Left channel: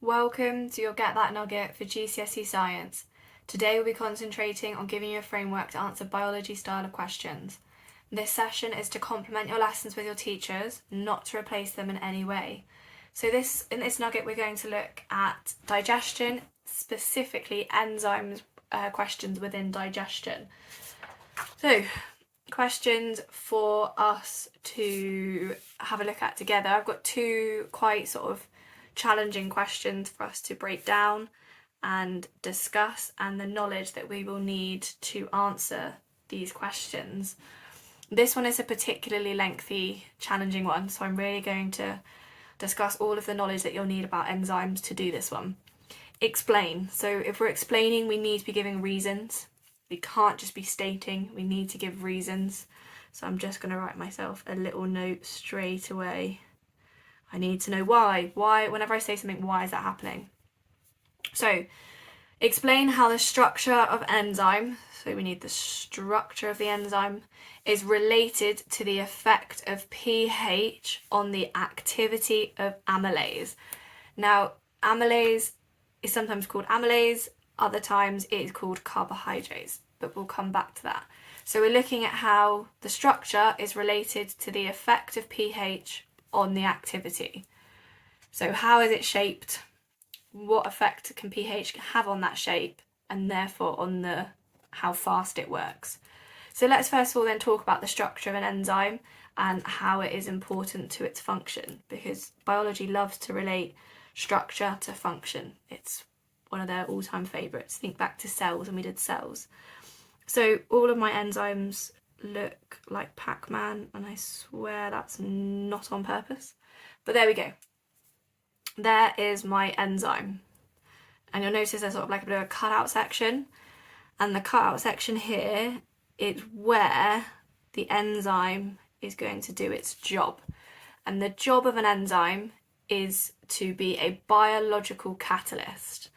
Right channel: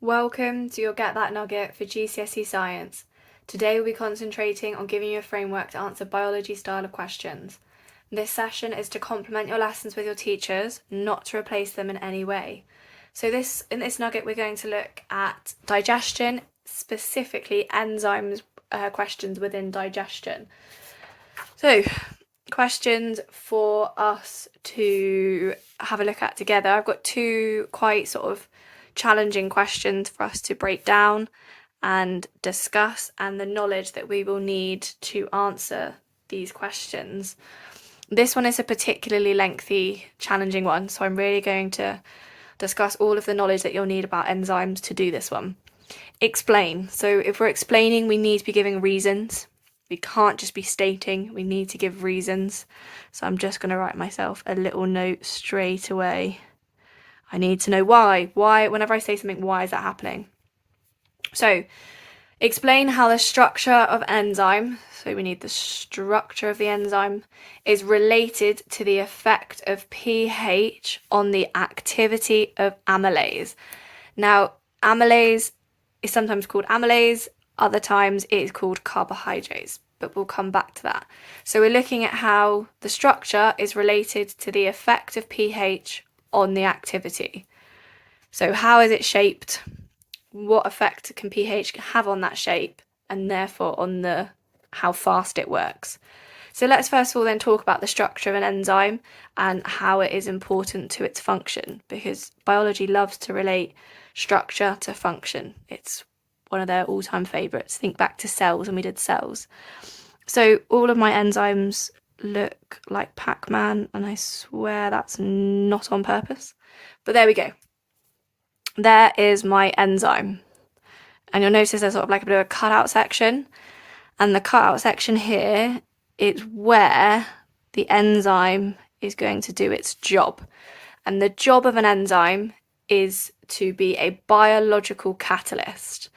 Welcome to your Get That Nugget for GCSE Science. Today we'll be concentrating on giving you a framework to answer biology style of questions. This session is to complement your lessons with your teachers, not to replace them in any way. So in this nugget we're going to look at digestion, specifically enzymes questions within digestion. So questions for us to have a look at together. I've got two quite sort of challenging questions for us to break down and discuss, and the knowledge that we will need to answer these questions. This one is a particularly lengthy, challenging one, so I'm really going to discuss all of the knowledge that you'll need about enzymes to do this one. Explain. So if we're explaining, we need to be giving reasons. We can't just be stating, we need to give reasons. So I'm just going to write myself a little note straight away. I need to know why. Why, whenever I say something, why is that happening? So, explain how the structure of enzyme, so we need the structure of the enzyme, is related to the effect of pH on the activity of amylase. Now, amylase is sometimes called amylase, other times it is called carbohydrates, but we'll come back to that. So we're looking at how the structure is related to the effect of pH on the activity. So how is it shaped? What effect can pH have on that shape, and therefore on how fast it works? So let's first of all then talk about the structure of an enzyme and how it is important to its function, because biology loves to relate structure to function. It's one of their all-time favourites. Think back to cells, and we did cells. So all of my enzymes look like Pac-Man, and I swear that's not on purpose, but there we go. There is my enzyme, and you'll notice there's sort of like a bit of a cutout section, and the cutout section here is where the enzyme is going to do its job. And the job of an enzyme is to be a biological catalyst.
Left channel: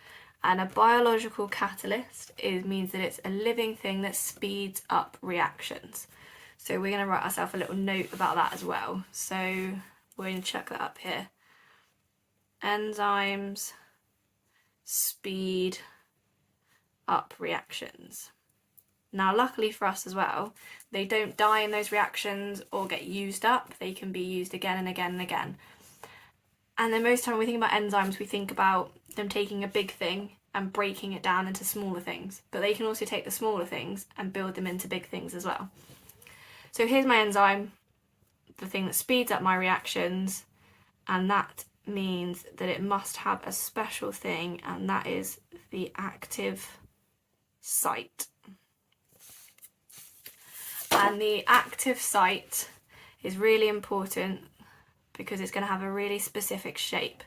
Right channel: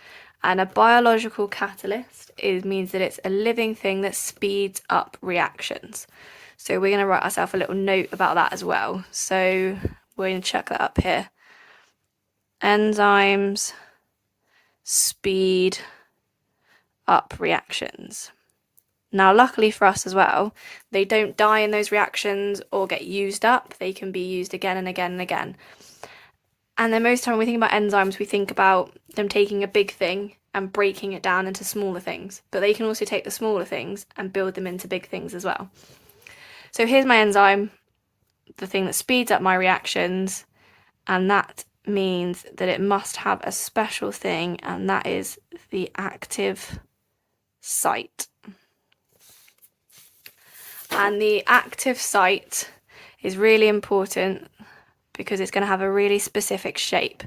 And a biological catalyst means that it's a living thing that speeds up reactions. So we're going to write ourselves a little note about that as well. So we're going to check that up here. Enzymes speed up reactions. Now, luckily for us as well, they don't die in those reactions or get used up. They can be used again and again and again. And then most of the time when we think about enzymes, we think about them taking a big thing and breaking it down into smaller things. But they can also take the smaller things and build them into big things as well. So here's my enzyme, the thing that speeds up my reactions, and that means that it must have a special thing, and that is the active site. And the active site is really important because it's going to have a really specific shape,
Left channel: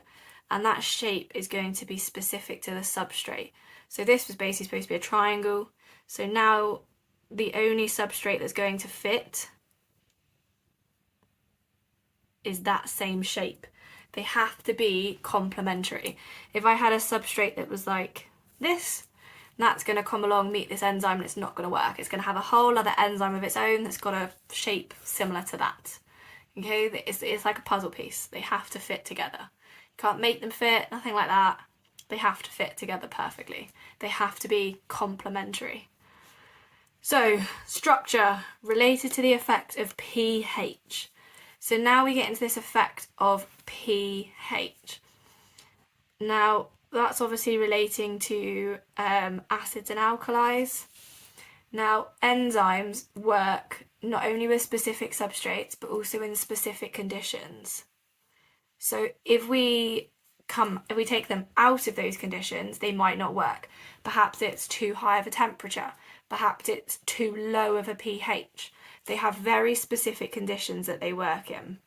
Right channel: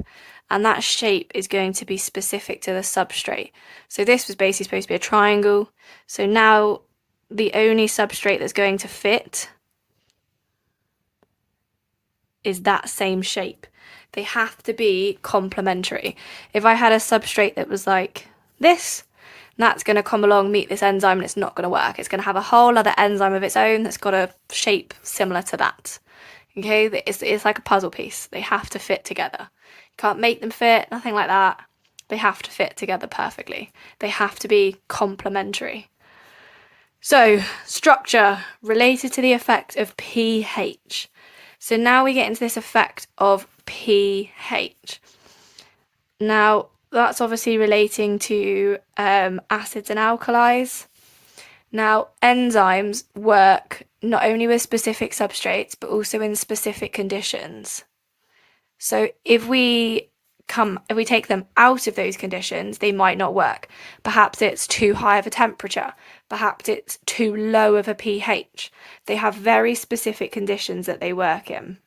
and that shape is going to be specific to the substrate. So this was basically supposed to be a triangle, so now the only substrate that's going to fit is that same shape. They have to be complementary. If I had a substrate that was like this, that's going to come along, meet this enzyme, and it's not going to work. It's going to have a whole other enzyme of its own that's got a shape similar to that. Okay, it's like a puzzle piece. They have to fit together. You can't make them fit, nothing like that. They have to fit together perfectly. They have to be complementary. So, structure related to the effect of pH. So now we get into this effect of pH. Now, that's obviously relating to acids and alkalis. Now, enzymes work not only with specific substrates, but also in specific conditions. So if we take them out of those conditions, they might not work. Perhaps it's too high of a temperature. Perhaps it's too low of a pH. They have very specific conditions that they work in.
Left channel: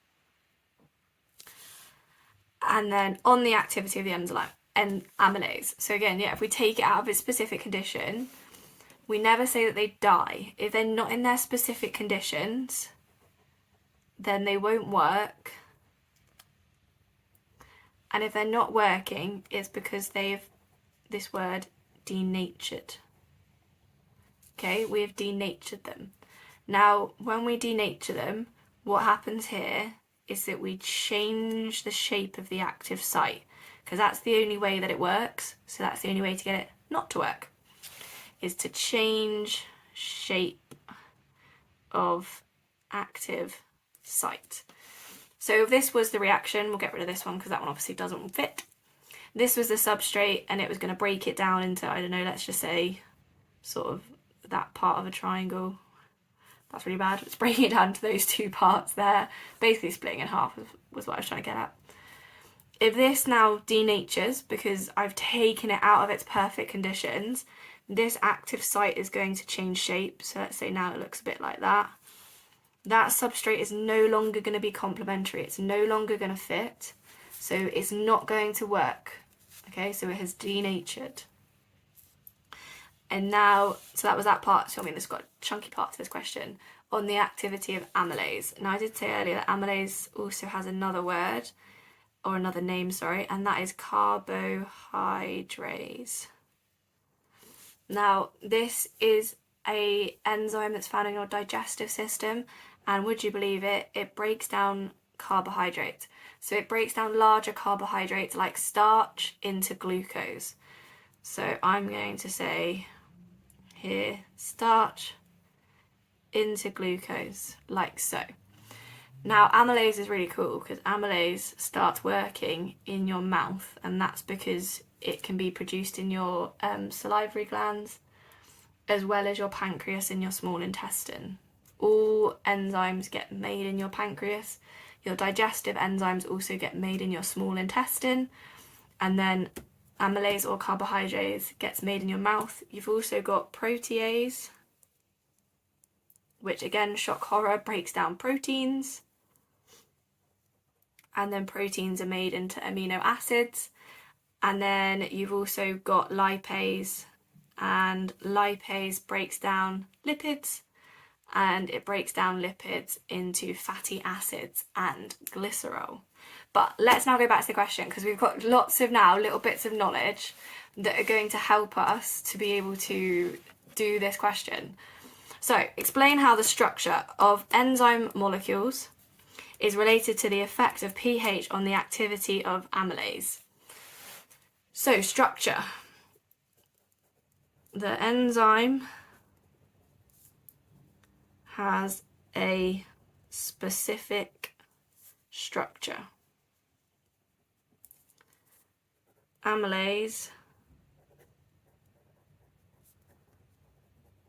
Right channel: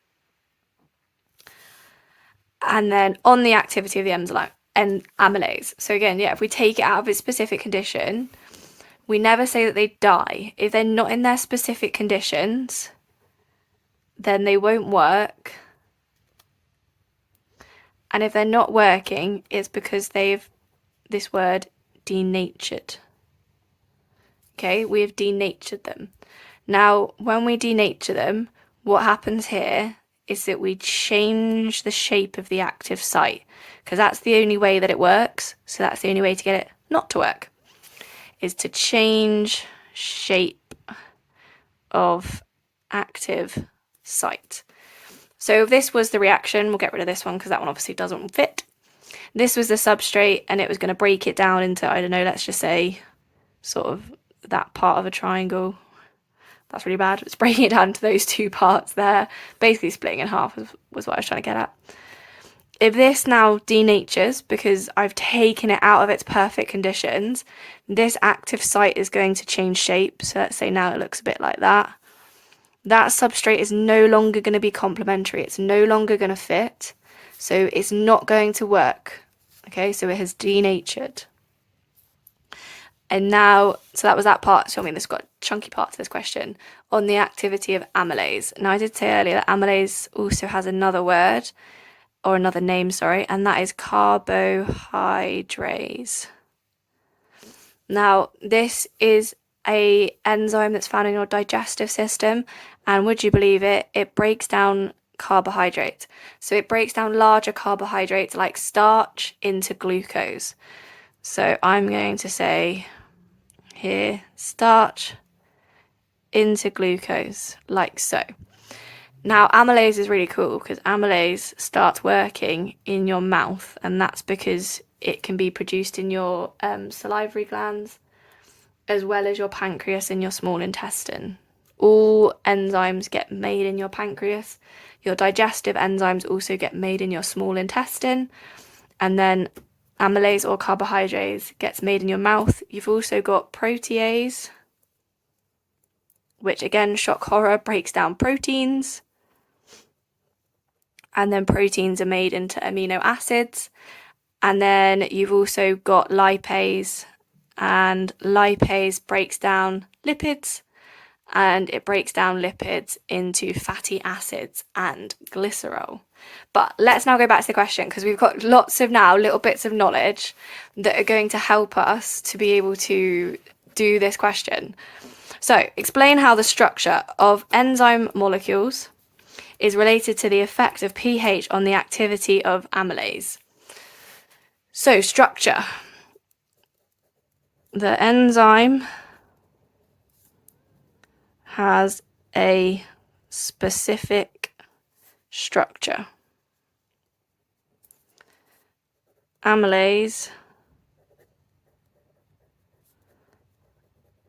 And then on the activity of the enzyme and amylase. So again, if we take it out of its specific condition, we never say that they die. If they're not in their specific conditions, then they won't work. And if they're not working, it's because they've, this word, denatured. Okay, we have denatured them. Now, when we denature them, what happens here is that we change the shape of the active site, because that's the only way that it works. So that's the only way to get it not to work, is to change shape of active site. So if this was the reaction, we'll get rid of this one because that one obviously doesn't fit. This was the substrate and it was going to break it down into, I don't know, let's just say sort of that part of a triangle. That's really bad. It's breaking it down to those two parts there, basically splitting in half was what I was trying to get at. If this now denatures because I've taken it out of its perfect conditions, this active site is going to change shape. So let's say now it looks a bit like that. That substrate is no longer going to be complementary. It's no longer going to fit. So it's not going to work. Okay, so it has denatured. And now, so that was that part. So I mean, this got a chunky part to this question on the activity of amylase. Now I did say earlier that amylase also has another word, or another name, sorry, and that is carbohydrase. Now, this is an enzyme that's found in your digestive system, and would you believe it, it breaks down carbohydrates. So it breaks down larger carbohydrates like starch into glucose. So I'm going to say here, starch into glucose, like so. Now, amylase is really cool because amylase starts working in your mouth, and that's because it can be produced in your salivary glands as well as your pancreas and your small intestine. All enzymes get made in your pancreas. Your digestive enzymes also get made in your small intestine, and then amylase or carbohydrase gets made in your mouth. You've also got protease, which again, shock horror, breaks down proteins. And then proteins are made into amino acids. And then you've also got lipase, and lipase breaks down lipids, and it breaks down lipids into fatty acids and glycerol. But let's now go back to the question, because we've got lots of now little bits of knowledge that are going to help us to be able to do this question. So explain how the structure of enzyme molecules is related to the effect of pH on the activity of amylase. So structure. The enzyme has a specific structure. Amylase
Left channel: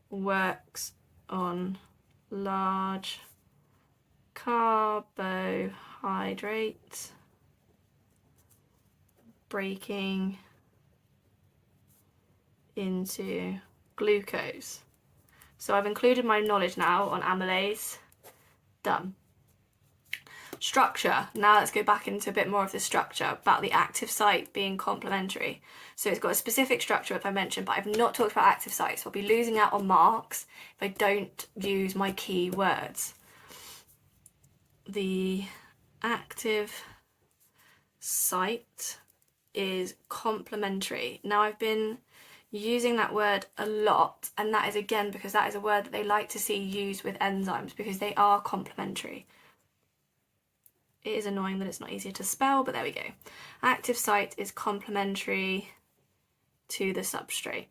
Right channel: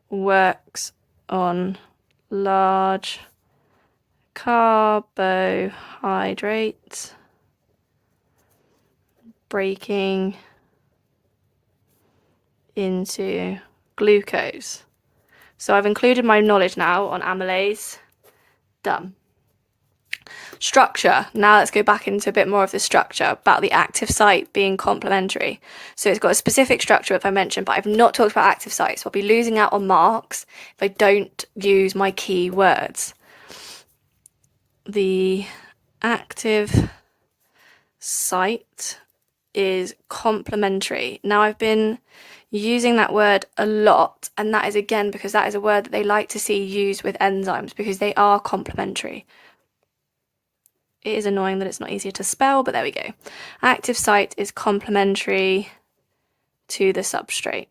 works on large carbohydrates, breaking into glucose. So I've included my knowledge now on amylase. Done. Structure. Now let's go back into a bit more of the structure about the active site being complementary. So it's got a specific structure, if I mentioned, but I've not talked about active sites. So I'll be losing out on marks if I don't use my key words. The active site is complementary. Now I've been using that word a lot, and that is again because that is a word that they like to see used with enzymes because they are complementary. It is annoying that it's not easier to spell, but there we go. Active site is complementary to the substrate.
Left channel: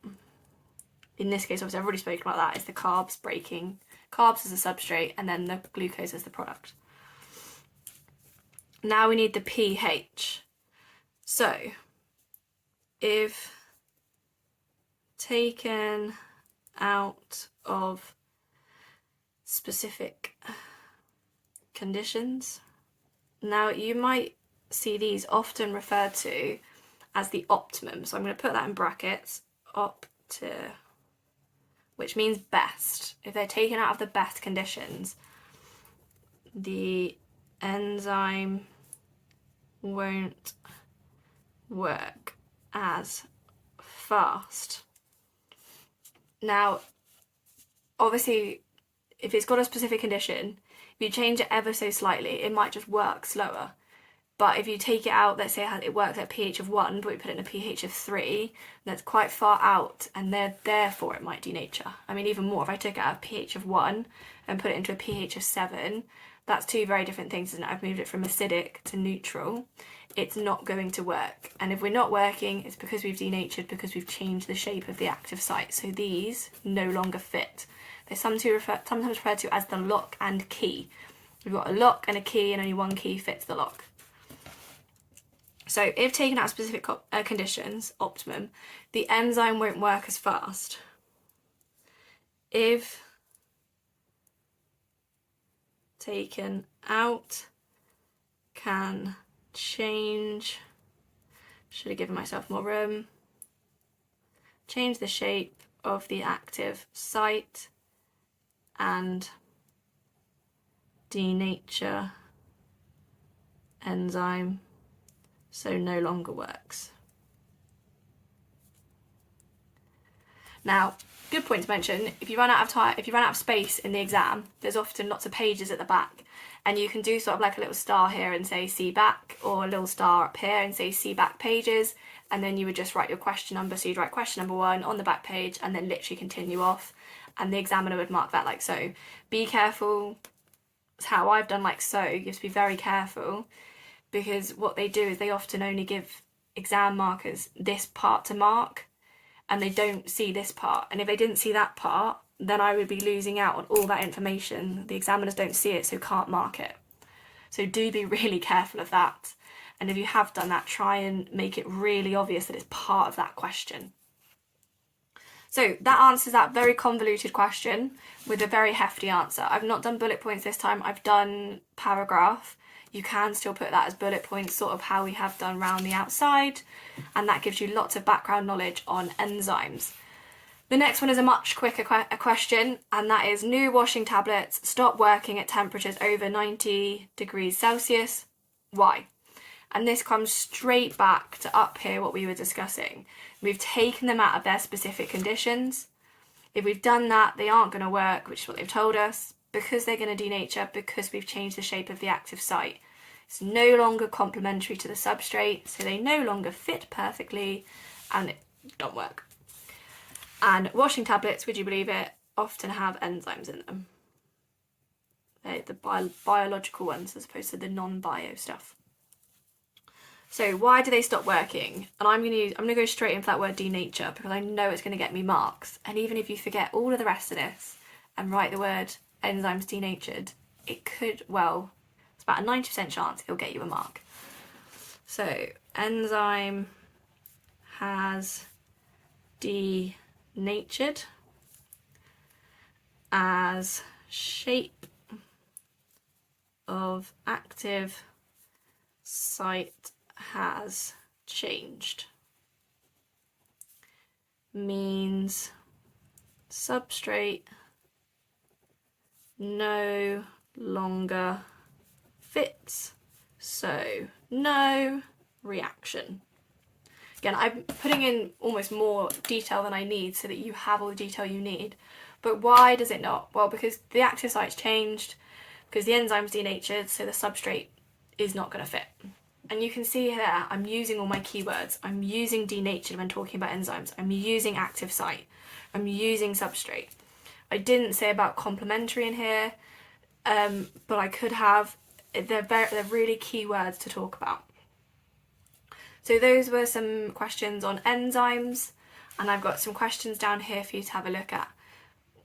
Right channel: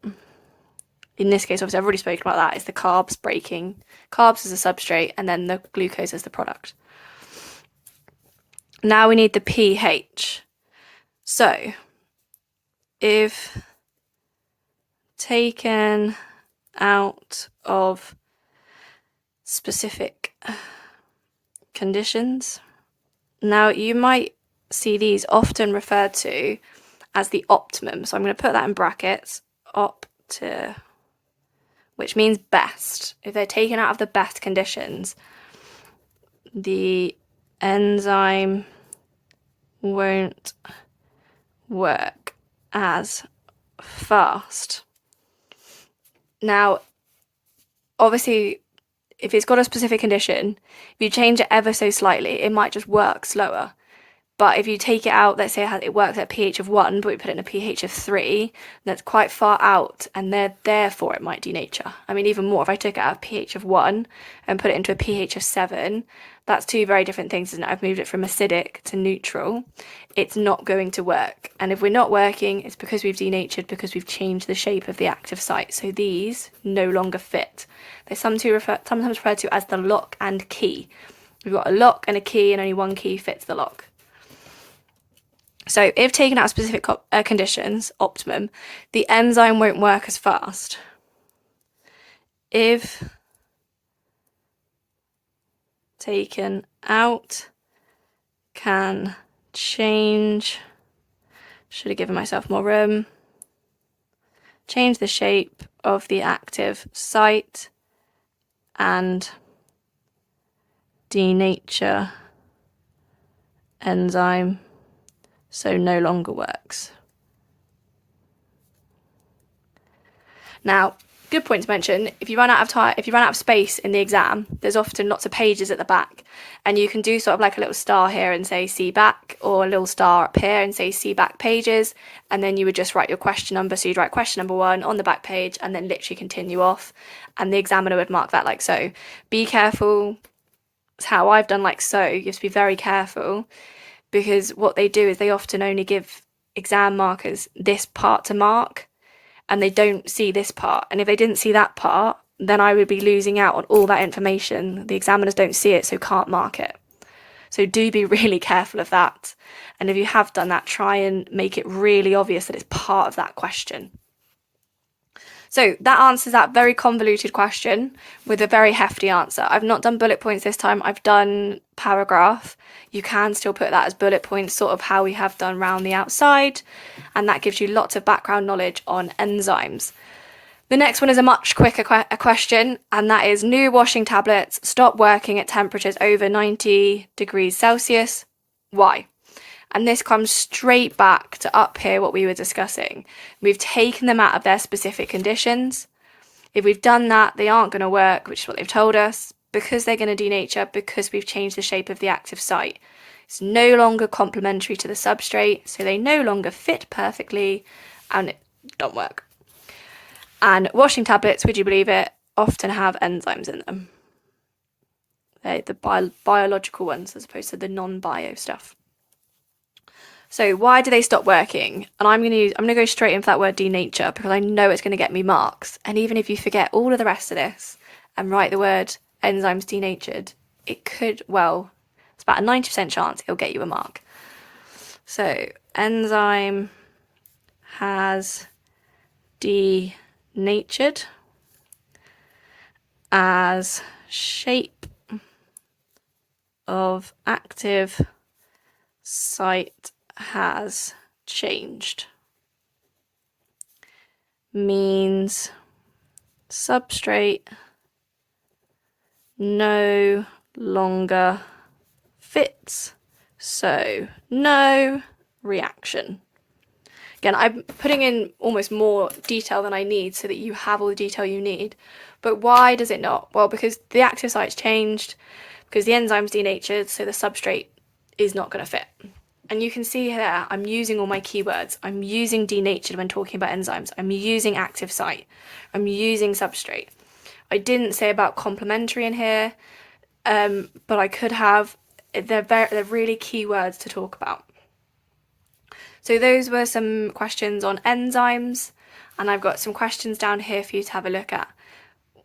In this case, obviously I've already spoken about that. It's the carbs breaking. Carbs as a substrate and then the glucose as the product. Now we need the pH. So if taken out of specific conditions, now you might see these often referred to as the optimum. So I'm going to put that in brackets, which means best. If they're taken out of the best conditions, the enzyme won't work as fast. Now, obviously, if it's got a specific condition, if you change it ever so slightly, it might just work slower. But if you take it out, let's say it works at a pH of 1, but we put it in a pH of 3, that's quite far out, and therefore it might denature. I mean, even more, if I took it out of pH of 1 and put it into a pH of 7, That's two very different things, isn't it? I've moved it from acidic to neutral. It's not going to work. And if we're not working, it's because we've denatured, because we've changed the shape of the active site. So these no longer fit. They're sometimes referred to as the lock and key. We've got a lock and a key, and only one key fits the lock. So if taken out of specific conditions, optimum, the enzyme won't work as fast. If taken out, can change, should have given myself more room, change the shape of the active site and denature enzyme, so no longer works. Now, good point to mention, if you run out of space in the exam, there's often lots of pages at the back, and you can do sort of like a little star here and say see back, or a little star up here and say see back pages, and then you would just write your question number. So you'd write question number 1 on the back page and then literally continue off, and the examiner would mark that like so. Be careful. It's how I've done like so. You have to be very careful, because what they do is they often only give exam markers this part to mark, and they don't see this part. And if they didn't see that part, then I would be losing out on all that information. The examiners don't see it, so can't mark it. So do be really careful of that. And if you have done that, try and make it really obvious that it's part of that question. So that answers that very convoluted question with a very hefty answer. I've not done bullet points this time, I've done paragraph. You can still put that as bullet points, sort of how we have done round the outside, and that gives you lots of background knowledge on enzymes. The next one is a much quicker question, and that is new washing tablets stop working at temperatures over 90 degrees Celsius. Why? And this comes straight back to up here what we were discussing. We've taken them out of their specific conditions. If we've done that, they aren't going to work, which is what they've told us, because they're going to denature, because we've changed the shape of the active site. It's no longer complementary to the substrate, so they no longer fit perfectly and it don't work. And washing tablets, would you believe it, often have enzymes in them. They're the biological ones as opposed to the non-bio stuff. So why do they stop working? And I'm going to go straight in for that word denature, because I know it's going to get me marks. And even if you forget all of the rest of this and write the word enzymes denatured, it could, well, it's about a 90% chance it'll get you a mark. So enzyme has denatured as shape of active site has changed. Means substrate no longer fits, so no reaction. Again, I'm putting in almost more detail than I need so that you have all the detail you need. But why does it not? Well, because the active site's changed, because the enzyme's denatured, so the substrate is not going to fit. And you can see here, I'm using all my keywords. I'm using denatured when talking about enzymes. I'm using active site. I'm using substrate. I didn't say about complementary in here, but I could have. They're really key words to talk about. So those were some questions on enzymes, and I've got some questions down here for you to have a look at.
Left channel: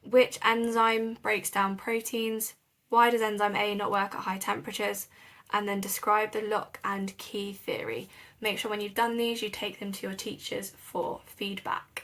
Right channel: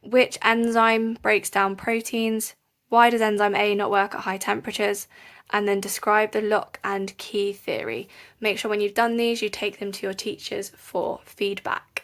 Which enzyme breaks down proteins? Why does enzyme A not work at high temperatures? And then describe the lock and key theory. Make sure when you've done these, you take them to your teachers for feedback.